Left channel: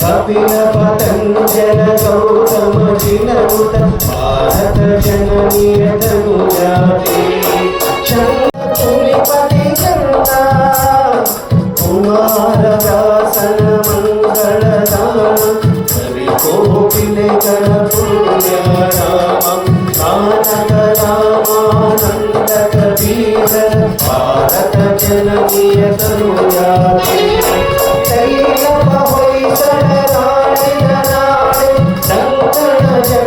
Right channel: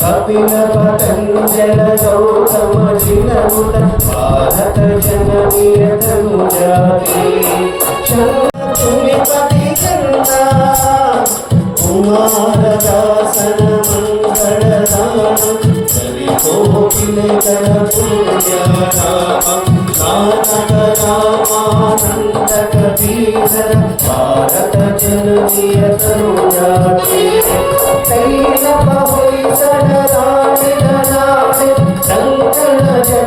కపిల పతంజల గౌతమ చినముత భారత జననీయ తనుజాతి చంద్రునిపతి చంద కుమార దాసన మంగళ దాన హరి కోపిల కర పుణ్యరామ కానక రామానందక దీన భారత జననీయ తనుజాతి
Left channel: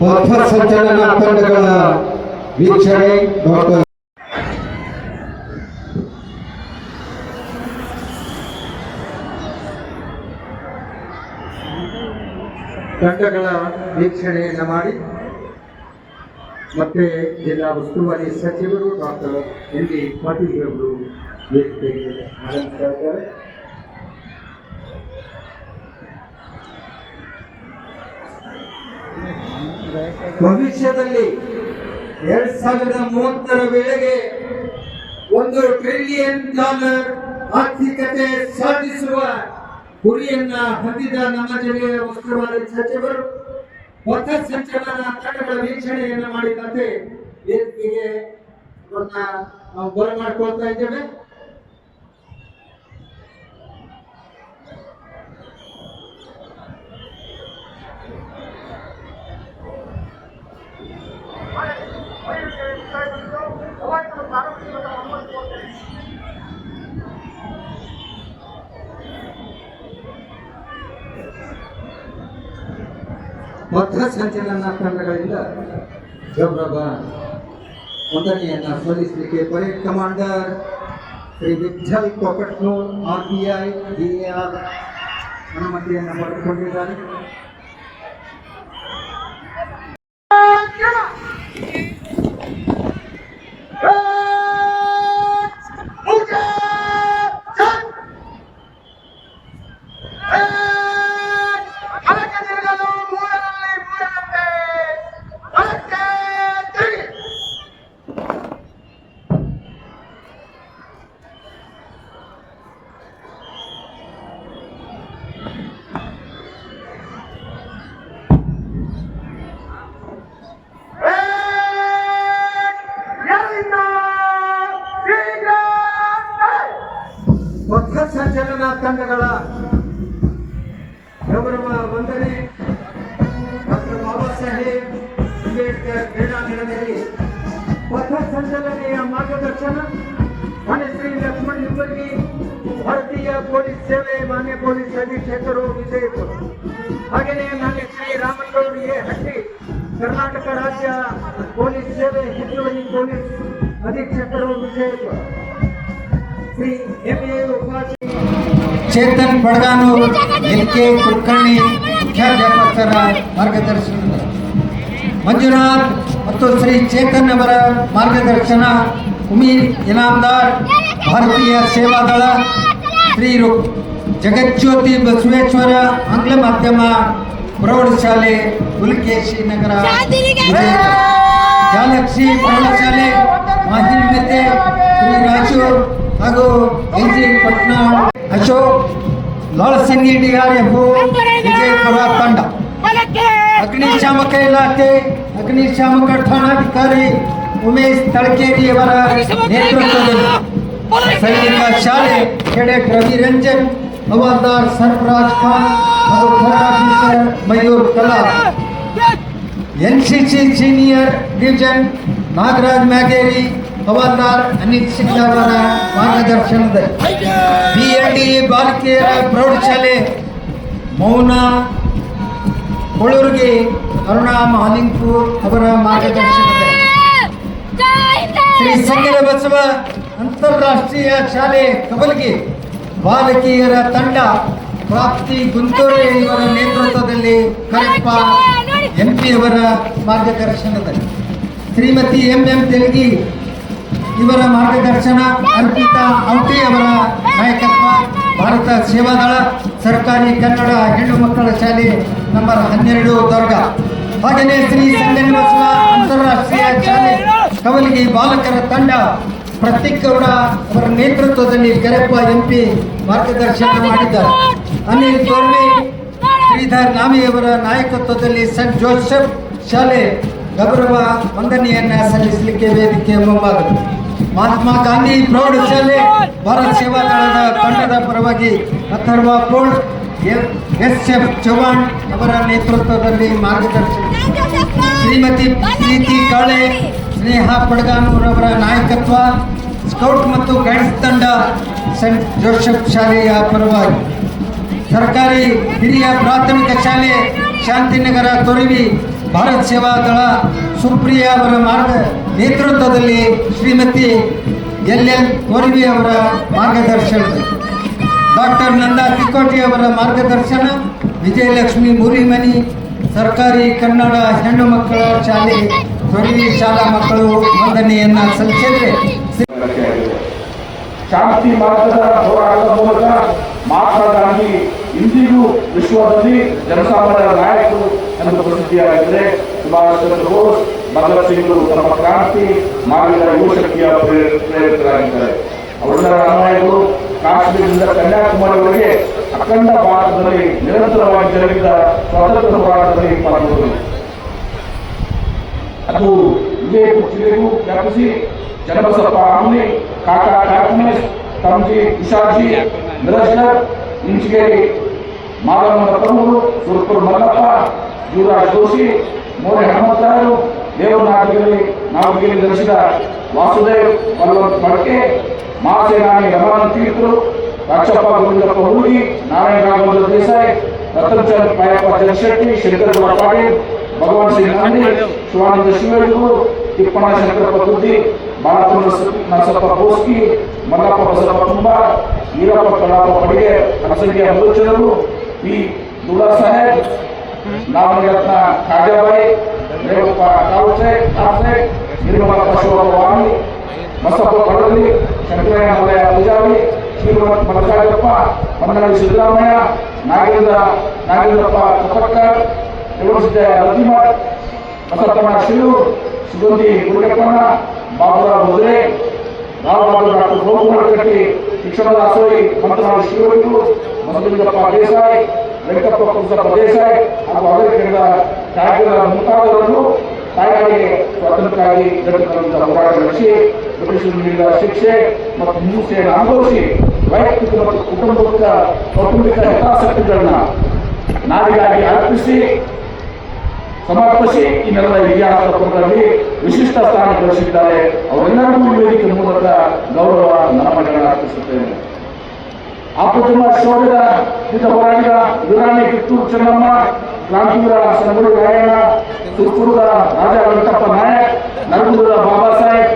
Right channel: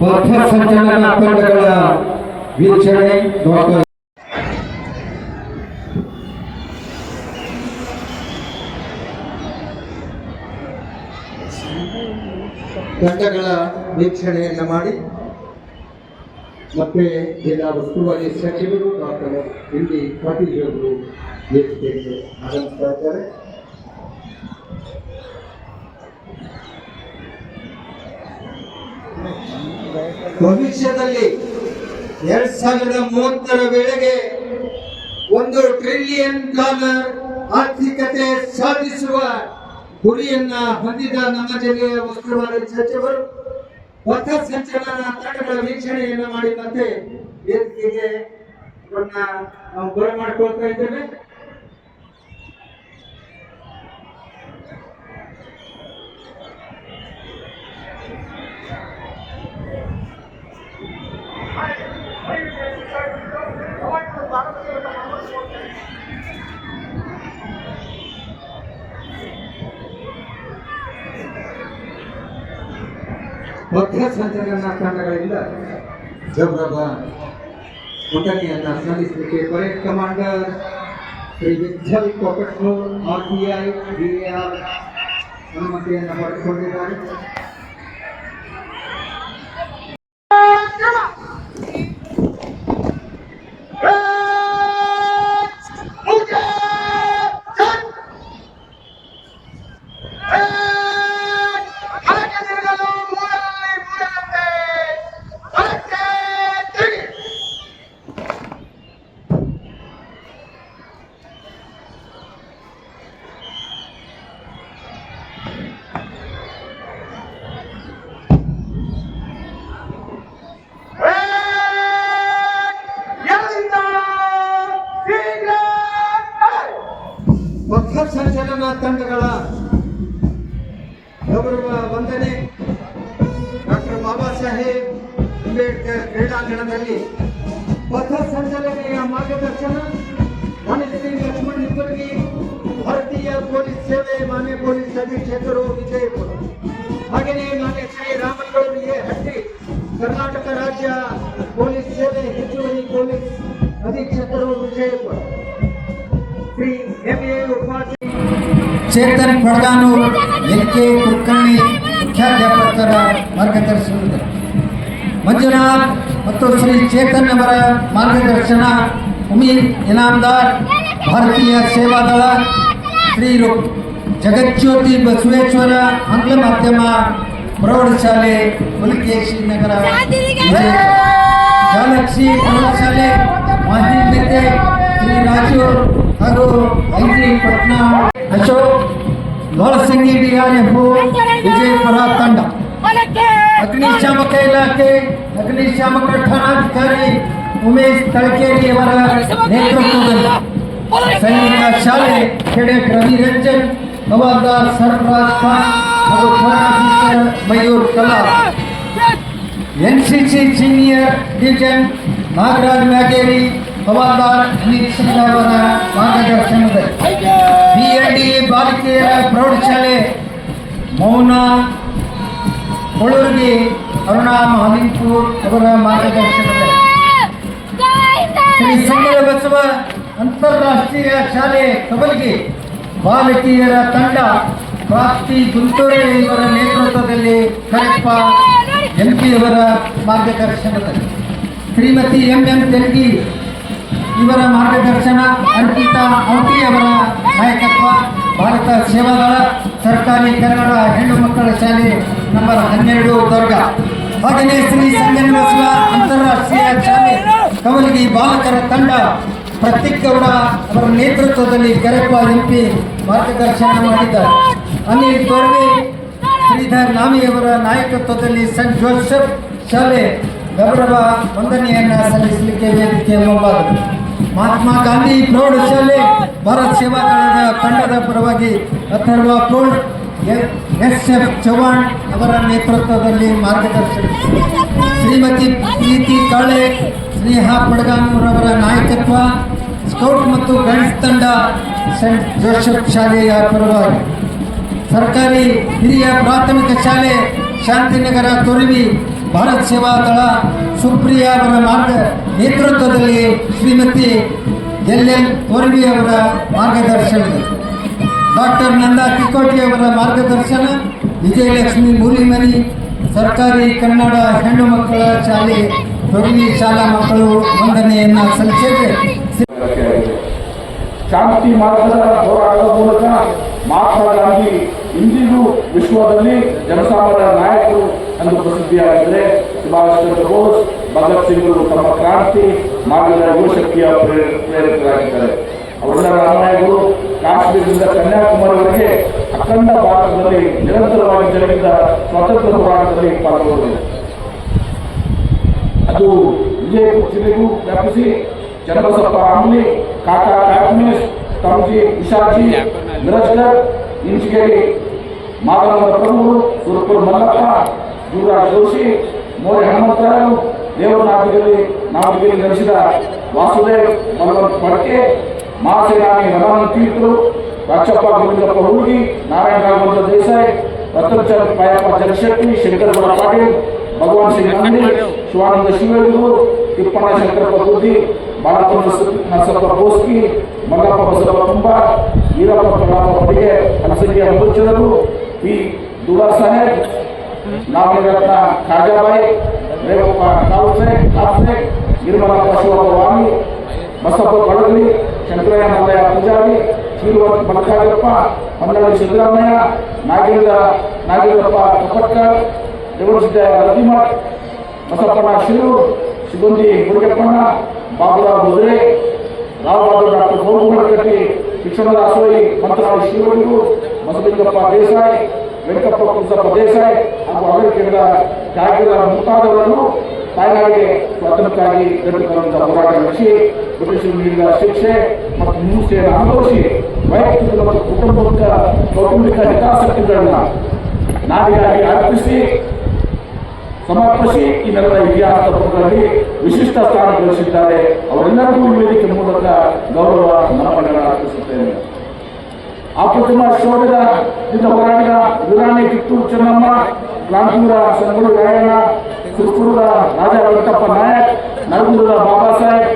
ಪಥ ಸಂಚಲನ ತಂಡಗಳ ವೀಕ್ಷಣೆ ಡಾಕ್ಟರ್ ತಂಡಗಳ ವೀಕ್ಷಣೆಯನ್ನು ಮಾಡಿ, ಮತ್ತೆ ಜಿಲ್ಲಾ ಉಸ್ತುವಾರಿ ಸಚಿವರು ಡಾಕ್ಟರ್ ಎನ್ ಡಿ ಪಾಟೀಲ್ ಅವರು ಆಗಮಿಸ್ತಾ ಇದ್ದಾರೆ. ಭವಿಷ್ಯದಲ್ಲಿ ಎರಡ್ ಸಾವಿರದ ಮೂವತ್ತರ ವೇಳೆಗೆ ಒಂದು ಟ್ರಿಲಿಯನ್ ಡಾಲರ್ ಆರ್ಥಿಕತೆ ಸಾಧಿಸುವ ಗುರಿಯನ್ನ ಹೊಂದಿದ ನಮ್ಮ ಜಿಲ್ಲೆಯ ಉಸ್ತುವಾರಿ ಸಚಿವರು, ಪಥ ಸಂಚಲನ ತಂಡಗಳ ವೀಕ್ಷಣೆಯನ್ನು ಮಾಡಿದಂತೆ ವೇದಿಕೆಗೆ ನಾವು ಬರಮಾಡ್ಕೊಳ್ತಾ ಇದ್ದೇವೆ. ಪಥ ಸಂಚಲನ ತಂಡಗಳಿಂದ ಗೌರವ ವಂದನೆಯನ್ನ ಸಲ್ಲಿಸಲಿಕ್ಕೆ parade commander Shri Vittal Kokatnur R B I D R ಅನುಮತಿಯನ್ನು ಪಡೆದುಕೊಂಡಿದ್ದಾರೆ ಪಥ ಸಂಚಲನ ತಂಡಗಳ ಗೌರವ ವಂದನೆ. ಡಾಕ್ಟರ್ ಬಾಬಾ ಸಾಹೇಬ್, ಅಂಬೇಡ್ಕರ್ ಕ್ರೀಡಾಂಗಣದಲ್ಲಿ ಪಥ ಸಂಚಲನೆಯ ಮಾರ್ಗದರ್ಶನ. ಮಣಿಶ್ರೀ ಶ್ರೀ ಲಕ್ಷ್ಮಣ್ ನಿಂಬರ್ಗಿ ಭಾರತೀಯ ಪೊಲೀಸ್ ಸೇವೆ, ಮಾನ್ಯ ಪೊಲೀಸ್ ಅಧೀಕ್ಷಕರು, ವಿಜಯಪುರ. ಹಾಗೆಯೇ ಮಾನ್ಯ ಶ್ರೀ ರಾಮಗೌಡರಿಗೆ ಹಟ್ಟಿ ಕರ್ನಾಟಕ ಚೇತನ್ ಕೊಡಗಾನೂರ್ ಎನ್ ಕೆ ಕುಲಕರ್ಣಿ ಮುಖ್ಯಾಧ್ಯಾಪಕರ ಮಾರ್ಗದರ್ಶನದ ಮಂಜುನಾಥ್ ಮತ್ತು ಶ್ರೀ ಚೇತನ್ ಅವರ ಮಾರ್ಗದರ್ಶನ ಉಮೀದ್ ಇನಾಮದಾರ್ ಭಾರತೀಯ ಸೇವಾದಳ ಶ್ರೀ ರು- ಜಗಜ್ಯೋತಿ ಬಸವೇಶ್ವರ ಆಂಗ್ಲ ಮಾಧ್ಯಮ ಪ್ರೌಢಶಾಲೆ ಹುಲಿಕೇಶಿ ನಗರ ವಿಜಯಪುರ. ಗ್ಯಾಲಕ್ಸಿ ಪ್ರೌಢಶಾಲೆ ಮಾಹಿಮ್ಯತೆ ಶ್ರೀ ರಾಜು ಹಾಗೂ N G Patna Ashok ಲೋಳಸಿಂಗಿ DRF Vijayapura ತಂಡ ಅಗ್ನಿಶಾಮಕ ಇಲಾಖೆ ಅಗ್ನಿಶಾಮಕ ಠಾಣಾಧಿಕಾರಿ ಉಮೇಶ್ ತಳಕೇರಿ ಅವರ ನೇತೃತ್ವದಲ್ಲಿ ಸೈನಿಕ ಶಾಲೆ ಕೆಡೆಟ್ ರವಿರಂಜನ್ ಹವಾಲ್ದಾರ್ ಸರ್ಫರಾಜ್ ಖಾನ್ ಹಾಗೂ officer Mayur Kala NCC senior division Nagaraj Myageri ಹವಾಲ್ದಾರ್ ಅನಿಲ್ ಸಿಂಗ್ ಅವರ ಮಾರ್ಗದರ್ಶನದಲ್ಲಿ ಬಿಎಲ್ಡಿ ಬಾಲಿಕೆಯರ ಪ್ರೌಢಶಾಲೆ ಮೌನ ಕೊಳೂರಿಗೆ ಅರುಣಾ ಮಹಾಲಿಂಗಪುರ್ ಅವರ ಮಾರ್ಗದರ್ಶನದಲ್ಲಿ. ಶ್ರೀ ಸಂಗೀತ ಬಸವ ಅಂತಾರಾಷ್ಟ್ರೀಯ ಶಾಲೆ ಕಬಲ್ಗೆ ಬಾಲಕಿಯರ ತಂಡ ಪ್ರಾಪ್ತಿ ಗುಂಟೂರು ಇವರ ನೇತೃತ್ವದಲ್ಲಿ ಕರೆಪ್ಪ ಎಂಪಿ ಅವರ ಮಾರ್ಗದರ್ಶನದಲ್ಲಿ. ಶ್ರೀಮತಿ ಎಂ ಎಂ ತೆಲಗಿ ಇವರ ಮಾರ್ಗದರ್ಶನ ಅರ್ಪಿತಾ ಔಟಿ ಅವರ ನಾಯಕತ್ವ, ಭಾರತ ಸೇವಾದಳ, ಸರ್ಕಾರಿ ಕನ್ನಡ ಹೆಣ್ಣು ಮಕ್ಕಳ ಶಾಲೆ ನಂಬರ್ ಹನ್ನೆರಡು ದರ್ಗ. ಹಾಗೆಯೇ ಶ್ರೀ ಸಂಜನ ಬಸವ ಅಂತಾರಾಷ್ಟ್ರೀಯ ಶಾಲೆ. ಕವಲಿಗೆ ಬಾಲಕರ ತಂಡ, ಪ್ರತೀಕ್ ಗೌಡ ಅವರ ನೇತೃತ್ವದಲ್ಲಿ ಕರೆಪ್ಪ ಎಂಪಿ ಮಾರ್ಗದರ್ಶನ ಮಾಡಿದ್ದಾರೆ. ಅನಿಲ್ ತೋರ್ವೆ ಶ್ರೀಧರ್ ನಾಮಿ ಅವರ ನಾಯಕತ್ವದಲ್ಲಿ ಸೆಂಟ್ ಜೋಸೆಫ್ ಶಾಲೆ ಗೌರವ ವಂದನೆಯನ್ನ ಸಲ್ಲಿಸಲಿಕ್ಕೆ ವೇದಿಕೆ ಮುಂಭಾಗದಲ್ಲಿ. ಮಹಾತ್ಮ ಗಾಂಧಿ ಪ್ರೌಢಶಾಲೆ ಭಾರತ್ ಸೇವಾ ದಳದ ತಂಡದ ಪರವಾಗಿ ಅಥರ್ವ ಪ್ರೌಢ ಎಸ್ ಎಫ್ ಚೌಹಾಣ್ ಅವರ ನೇತೃತ್ವದಲ್ಲಿ ಮಾರ್ಗದರ್ಶನ ಶ್ರೀಮತಿ ಪ್ರೀತಿ ಕಾಳೆ ಸ್ನೇಹ ಬಡಗಾನೂರ್ ಅವರ ನಾಯಕತ್ವ, ಸ್ಕೌಟ್ ಮತ್ತು ಗೈಡ್ಸ್ ತಂಡ ಸೆಂಟ್ ಜೋಸೆಫ್ ಶಾಲೆಯ ಪರವಾಗಿ. ಸರ್ಕಾರಿ ಹಿರಿಯ ಪ್ರಾಥಮಿಕ ಶಾಲೆ, ಶಾಂತಿನಗರ ತೊರವಿ ಭಾರತ್ ಸೇವಾ ದಳ ಸುಪ್ರಿಯ ಅವರ ಮಾರ್ಗ ನೇತೃತ್ವದಲ್ಲಿ ಶ್ರೀಮತಿ ಎಲ್ ಎನ್ ಕೊರಡಿ ಅವರ ಮಾರ್ಗದರ್ಶನ. ಡಾಕ್ಟರ್ ನಂದಾ ತಿಕೋಟಿ ಅವರ ಮಾರ್ಗದರ್ಶನ, ವಿಜಯಲಕ್ಷ್ಮಿ ಮುರಿಮನಿ, ಸರ್ಕಾರಿ ಕನ್ನಡ ಹೆಣ್ಣು ಮಕ್ಕಳ ಶಾಲೆ ತೊರವಿ ಶಾಲಾ ಮಕ್ಕಳು ವಂದನೆಯನ್ನ ಸಲ್ಲಿಸಿದೆ ಶಾಂತಿ ಮಾರ್ಗದ ಹೋರಾಟದ ಮೂಲಕ ಮಹಾತ್ಮ ಗಾಂಧಿ ಇಂದಿಗೂ ವಿಶ್ವದಲ್ಲಿ ಜನಸಾಮಾನ್ಯರ ನಾಯಕರು ಎಂದು ಪ್ರಸಿದ್ಧಿಯಾಗಿದ್ದರೆ ಸುಭಾಷ್ ಚಂದ್ರ ಬೋಸ್, ಭಗತ್ ಸಿಂಗ್ರು ತಮ್ಮ ಕ್ರಾಂತಿ, ನಾವಿನ ಯುವಶಕ್ತಿಯ ಪ್ರೇರ- ಪ್ರೇರಿತರಾಗಿದ್ದಾರೆ. ಅವರೆಲ್ಲರ ಅನ್ಯಾಯಗಳು ಕಾಶ್ಮೀರದಿಂದ ಕನ್ಯಾಕುಮಾರಿವರೆಗೆ ಅಖಂಡ ಭಾರತದಲ್ಲಿ ನಿರಂತರವಾಗಿ ಜರುಗಿದ ಸ್ವತಂತ್ರ ಹೋರಾಟದಲ್ಲಿ ಪಾಲ್ಗೊಂಡರು. ಅದು ವಿಜಯಪುರ ಜಿಲ್ಲೆಗೂ ವ್ಯಾಪಿಸಿ ಚನ್ನಬಸಪ್ಪ ಆಮ್ಲಿ, ಕಾಕಾ ಕಾಕಮಿಸ್ ತಮಜಿ ಇಶಾಜಿ ಮಿರಜ್ಗರ್ ಇಂಚಿಗೇರಿ ಮಾದಮ್ಮ ಪ್ರಭು ಸುರಪುರ ಮಲ್ಲಪ್ಪ ಯುವರಾಜ್ ಜೋಶಿ, ಮೋರೆ ಹನುಮಂತರಾಯರು ನಾಟಕದಲ್ಲಿ ನಾಟಕದಲ್ಲಿ ನಡೆಸಿದ ವಾಸುದೇವ್ ಬಲವಂತ ಮಡಕೆ, ಮಹಾಸೇನಾನಿ ರಮಣ ತೀರ್ಥರು ರಾಕ್ಷಪ್ಪ ಗೋವಿಂದಪ್ಪ ಹುಡುಗಿ, ನಾರಾಯಣ ರಾಘವೇಂದ್ರ ದೇಸಾಯಿ ರತನ್ಚಂದ್ ಕಾಯಪ್ಪ ಜಗಶೆಟ್ಟಿ ಶಂಕರಗೌಡ ಪಾಟೀಲ್, ಭಗವಾನ್ ಸಿಂಗ್ ನಂದಿ ಶಿವಾನಂದ ಶಿವೇಗರು ತಿಪ್ಪಣ್ಣ ಶಂಕರಪ್ಪ ಬುದ್ಧಿ ಬಾಲಚಂದ್ರ ನರಸಪ್ಪ ಬೋಸ್ಕಿ, ಮಲ್ಲಪ್ಪ ಬಸಪ್ಪ ತುಂಬ ಈರಪ್ಪ ಕಲಾಪ ಪಡಿಗೆ ಅಲಸಂಖ್ಯ ಮಧುಚಂದ್ರರು ಪಿ ದುರಾ ಸಾಹೇಬ್ ನಾಮರತ್ನ ಖಾಜಾಬಾಯಿ ರೇವಪ್ಪ ಕಾಲ್ಸೆ ಕಾಲ್ಸೆ ನಿರ್ಮಲ ಶಿವವಾಮಿ ಬಸಪ್ಪ ಬಡಲಿ ಶಂಕರಯ್ಯ ಮಲಯ ಪೂಜಾರಿ ಶ್ರೀಮಂತ ಮಲ್ಲಕಾಯಪ್ಪ ಮಂಗಳಿ ಸಿದ್ದರಾಮಯ್ಯ ನಾಗೇಂದ್ರ ನಾಗೇಂದ್ರಪ್ಪ ತುಪ್ಪಕ್ಕರ್ ಜಗಸಿದ್ದ ರತಿಮಠ್ ಬಸಪ್ಪಣ್ಣ ಶಿರೂರ್ ಸಿಬ್ಬಂದಿ ಗುರುಕಪ್ಪಣ್ಣ ಬಾಬುರಾವ್ ಮುದ್ರೆ ರಾಮಬಾಬು ಡಾಕ್ಟರ್ ಕಟ್ಟಿ ಶಿಕ್ಷಣದ ಅಸೋಯಿ ಮಂತ್ರಾಲಯ ಶಿವಲಿಂಗು ಮಸಲಿಂಗಪ್ಪ ದೇಸಾಯಿ ವೆಂಕಪ್ಪ ಪ್ರದೇಶ ದೇಸಾಯಿ ಹಾಗೂ ಅಮೆರಿಕದ ಜಾಗರ ಮುಂತಾದವರನ್ನು ತಾಯ್ನಾಡಿಗೆ ಸ್ವತಂತ್ರಕ್ಕಾಗಿ ಗಟ್ಟಿತನದ ಹೋರಾಟ ನಡೆಸಿ ಬ್ರಿಟಿಷರು ನೀಡಿದ ಶಿಕ್ಷೆ ಮತ್ತು ಹಿಂಸೆಯನ್ನು ಅನುಭವಿಸಿ, ವೈಯಕ್ತಿಕ ಮತ್ತು ಕುಟುಂಬದ ಕೌಟುಂಬಿಕ ಹಿತಾಸಕ್ತಿಗಳನ್ನ ನಾಡಿಗಾಗಿ ಅರ್ಪಿಸಿ, ಸಮರ್ಪಿಸಿ ಈ ನೆಲದ ಇತಿಹಾಸ ಪುಟದಲ್ಲಿ ವಿಶಿಷ್ಟ ಸ್ಥಾನ ಗಳಿಸಿದ್ದಾರೆ. ಅವರೆಲ್ಲರಿಗೂ ಈ ವೇದಿಕೆ ಮೂಲಕ ಗೌರವ ನಮನಗಳನ್ನು ಅರ್ಪಿಸುತ್ತೇನೆ. ಅಪ್ರತಿಮ ಶೌರ್ಯದ ದಿಂದ ಹೋರಾಟದ ವೀರಾಣಿ ಕಿತ್ತೂರು ಚೆನ್ನಮ್ಮ ಕ್ರಾಂತಿವೀರ ಸಂಗೂರು ನಾರಾಯಣ, ಸುತ್ತೂರದ ರಾಜ ವೆಂಕಟಪ್ಪ ನಾಯಕ್ ನರಗುಂದದ ಬಾಬಾ ಸಾಹೇಬ್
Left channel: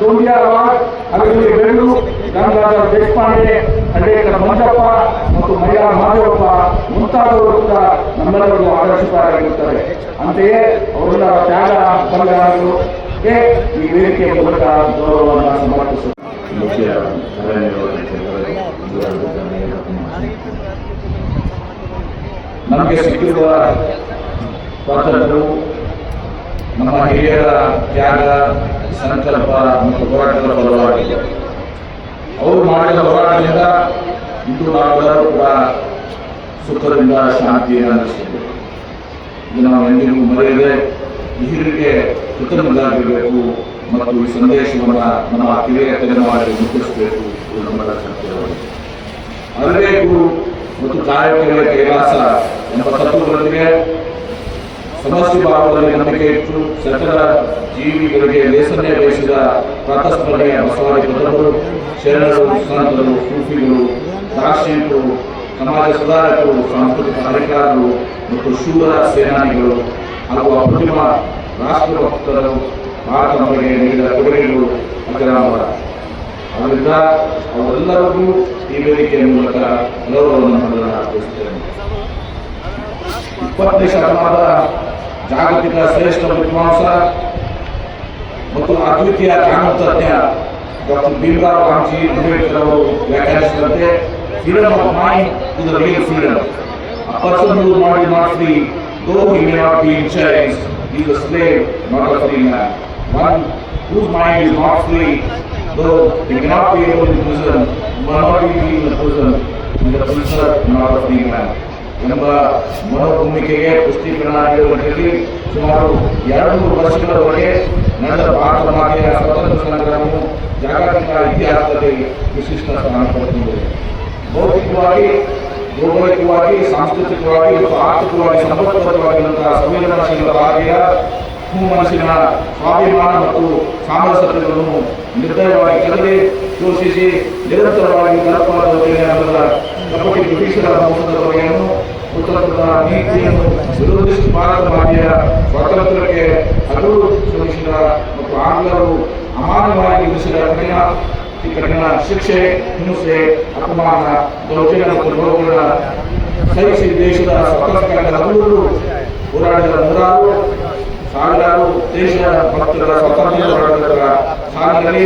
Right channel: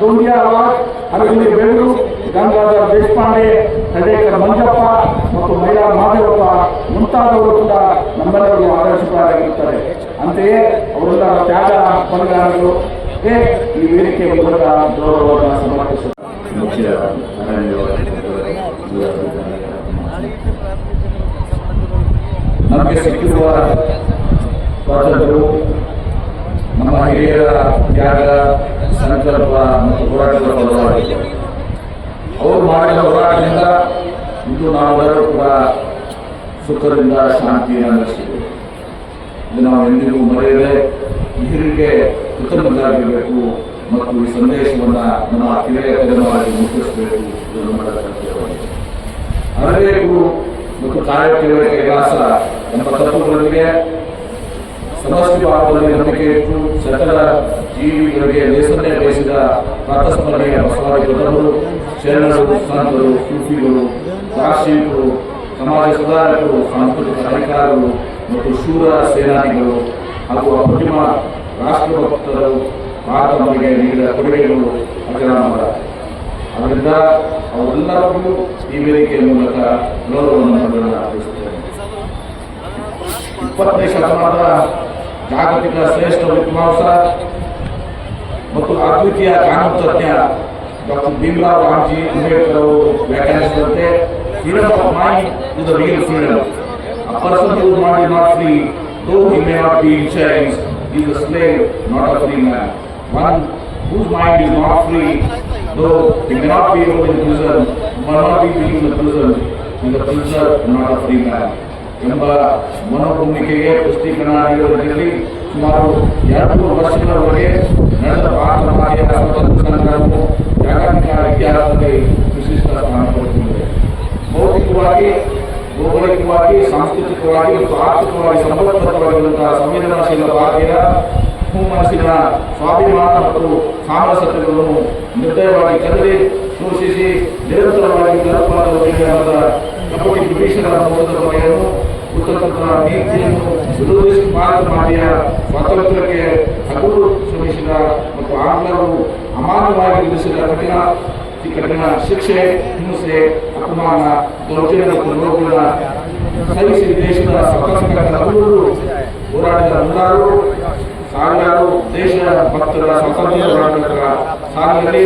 ದೌಂಡಿಯಾ ಅವಾರ್ಡ್ ಹಲಗಲಿ ಬೇಲೂರು ಗಂಗಾಧರ ದೇಶಪಾಂಡೆ ಹಳ್ಳೇಕರ್ ಮಂಜಪ್ಪ ಮತ್ತು ಮಹಿಳಾ ಮಹಾದೇವಪ್ಪ ಮುಂತಾದವರು ಕೂಡ ನಮ್ಮೆಲ್ಲರಿಗೂ ಆದರ್ಶಕರಾಗಿರುತ್ತಾರೆ ಅಂತೆಯೇ ಅವರೆಲ್ಲರ ತ್ಯಾಗ ಏ ಈ ವೇದಿಕೆಯ ಮೂಲಕ ಗೌರವವನ್ನು ಸಮರ್ಪಿಸುತ್ತಾರೆ ಮುಖ್ಯ ನಮಗೆ ಸಿಕ್ಕಿರುವ ಸ್ವಾತಂತ್ರ್ಯವು ನಮ್ಮ ಹಿರಿಯರ ತ್ಯಾಗ, ಸಂಕಲ್ಪ ಮತ್ತು ಹೋರಾಟದ ಬದಲಾಗಿದೆ ಅವರು ಮಾಡಿದ ಹೋರಾಟದಿಂದ ಇಂದು ನಾವೆಲ್ಲರೂ ಕೂಡ ಸುಖದಿಂದ ಶಾಂತಿಯನ್ನು ನಡೆಸಿದ್ದೇವೆ ಇದು ನಾವು ಎಂದಿಗೂ ಮರೆಯದೆ ಹಿರಿಯರಿಗೆ ಕೃತಜ್ಞರಾಗಿರಬೇಕು ಮತ್ತು ಈ ಸಂದೇಶವನ್ನು ನಮ್ಮ ಕಿರಿಯ ತಲೆಮಾರಿಗೆ ಮುಟ್ಟಿಸಬೇಕು ಎಂದು. ಅರಿಬೇಕು ಮತ್ತು ಕಾರ್ಯಕ್ರಮ ಕೈಲಾಸ ಎಂಬ ತತ್ವಗಳೊಂದಿಗೆ ಸಮಷ್ಟಿ ಭಾವದಲ್ಲಿ ನಂಬಿಕೆ ಇಟ್ಟು ಸಕಲ ಜೀವಿಗಳಿಗೆ ಲೇಸನ್ನೇ ಬಯಸಿದ ಪ್ರಾತಸ್ಮರಣೆಯ ಬಸವಾದಿ ಬದವರು ಶರಣರು, ಸಂತರು ಸೂಫಿಗಳು ರಾಷ್ಟ್ರೀಯರು ಸಮಾಜ ಸುಧಾರಕರು, ಸಾಂಸ್ಕೃತಿಕ ಅಧಿಕಾರಿಗಳು ಮತ್ತು ಶೂರ ಸೇನಾನಿಗಳು ಹಾಗೂ ಅಪ್ರತಿಮ ರಾಷ್ಟ್ರಭಕ್ತರು ಭಾರತಕ್ಕೆ ನೀಡಿದ ಕೊಡುಗೆಗಳು ಅಜರಾಮರ. ಅದರಿಂದ ಅವರೆಲ್ಲರಿಗೂ ಈ ವೇದಿಕೆಯ ಮೂಲಕ ಗೌರವವನ್ನು ಮಾಡೋಣ ಅರ್ಪಿಸುತ್ತೇನೆ. ಇಪ್ಪತ್ತನೇ ಶತಮಾನದ ಜಾಗತಿಕ ಶ್ರೇಷ್ಠ ವಿದ್ವಾಂಸ ಮತ್ತು ಅದ್ವಿತೀಯ ಕಾನೂನು ತಜ್ಞ ಡಾಕ್ಟರ್ ಭೀಮರಾವ್ ರಾಮ್ಜಿ ಅಂಬೇಡ್ಕರ್ ಅವರು ವ್ಯಾಖ್ಯಾನಿಸಿದಂತೆ freedom of mind is real freedom a person who not is not free though he may not be in chains is a slave not a free man one whose mind is not free, though he may not be able in prison, may not be in the prison, in the future not a free man. ಎಂಬ ಮನೋಭೂಮಿಕೆಗೆ ಪುಷ್ಟೀಕರಣ ಸುಮಾರು ಎರಡು ವರ್ಷಗಳವರೆಗೆ ನಡೆದ ಭಾರತ ಮಾತೆಯ ಸ್ವತಂತ್ರ ಸಂಘಗಳನ್ನು ಜಾಗತಿಕ ಇತಿಹಾಸದಲ್ಲಿ ವಿಶಿಷ್ಟ ಸ್ಥಾನ ಪಡೆದಿದೆ ಭೌತಿಕವಾಗಿ ಭೌಗೋಳಿಕವಾಗಿ ಸಾಂಸ್ಕೃತಿಕವಾಗಿ ಮತ್ತು ಆರ್ಥಿಕವಾಗಿ ಸಂಪರ್ಕವಾಗಿರುವಂತಹ ಸಂವೇದನಾಶೀಲ ಭಾರತೀಯ ಮನಸ್ಸಿನ ಸ್ವಾಭಿಮಾನ ಮತ್ತು ಸಾಮರಸ್ಯತೆಗಳನ್ನು ನಿರ್ದಯವಾಗಿ ಕದಲಿ ಪೋಷಿಸಿ ನಿರಂತರವಾಗಿ ಜಲಪದ ಕಪಟಿ ಬ್ರಿಟಿಷರ ಮೋಸದ ಬಗೆಯನ್ನು ಉತ್ತರದ ನೀತಿಯನ್ನು ಸ್ವಾತಂತ್ರ್ಯಕ್ಕೆ ಹಗಲು ಶ್ರಮಿಸಿದ ಮತ್ತು ಆಂಗ್ಲರು ಅಮಾನವಾಗಿ ವಿಧಿಸಿದ ಕಠಿಣ ಕಠಿಣ ಶಿಕ್ಷೆ, ಹಿಂಸೆ, ಅಪಮಾನ, ದೌರ್ಜನ್ಯ ಮತ್ತು ನೋವುಗಳ ಸಹಿಸಿ ದೇಶದ ಸ್ವಾತಂತ್ರ್ಯ ಹಗಲು ಹೋರಾಡಿದ ನೂರಾರು ಸಾವಿರಾರು ದೇಶ ಭಕ್ತರ ಸ್ವಾತಂತ್ರ್ಯ ಹೋರಾಟಗಾರರ ಸಾಲಿನಲ್ಲಿ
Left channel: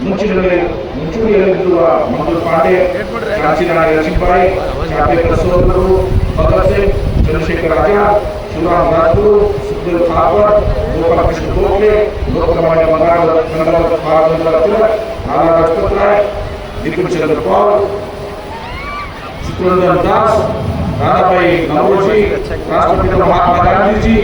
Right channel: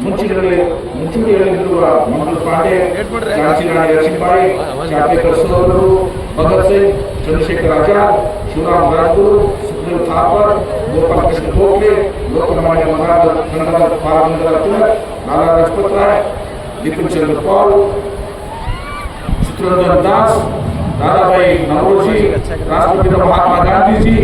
ಮುಂಚಿನಲ್ಲಿ ಮುಂಚೂಣಿಯಲ್ಲಿರುವ ಮಂಜು ಪಾಂಡೆ ಝಾನ್ಸಿರಾಣಿ ಲಕ್ಷ್ಮೀಬಾಯಿ ಚಾಪೇಕರ್ ಸೋದರರು ಭಗತ್ ಸಿಂಗ್ ಚಂದ್ರಶೇಖರ್ ಆಜಾದ್ ಶಿವರಾಮ್ ರಾಜ್ಗುರು ಸುಖದೇವ್ ಥಾಪರ್ ಗೋಪಾಲಕೃಷ್ಣ ಗೋಖಲೆ ಲೋಕಮಾನ್ಯ ಗಂಗಾಧರ ಗಂಗಾಧರ ಬಾಲಗಂಗಾಧರ ತಿಲಕ್ ಲಾಲಾ ರಾಜಪತ್ ರಾಯ್ ಬಿಪಿನ್ ಚಂದ್ರ ಪಾಲ್ ಚಿತ್ತರಂಜನ್ ದಾಸ್ ದಾದಾಬಾಯಿ ನವರೋಜಿ ರಾಷ್ಟ್ರಪಿತ ಮಹಾತ್ಮ ಗಾಂಧೀಜಿ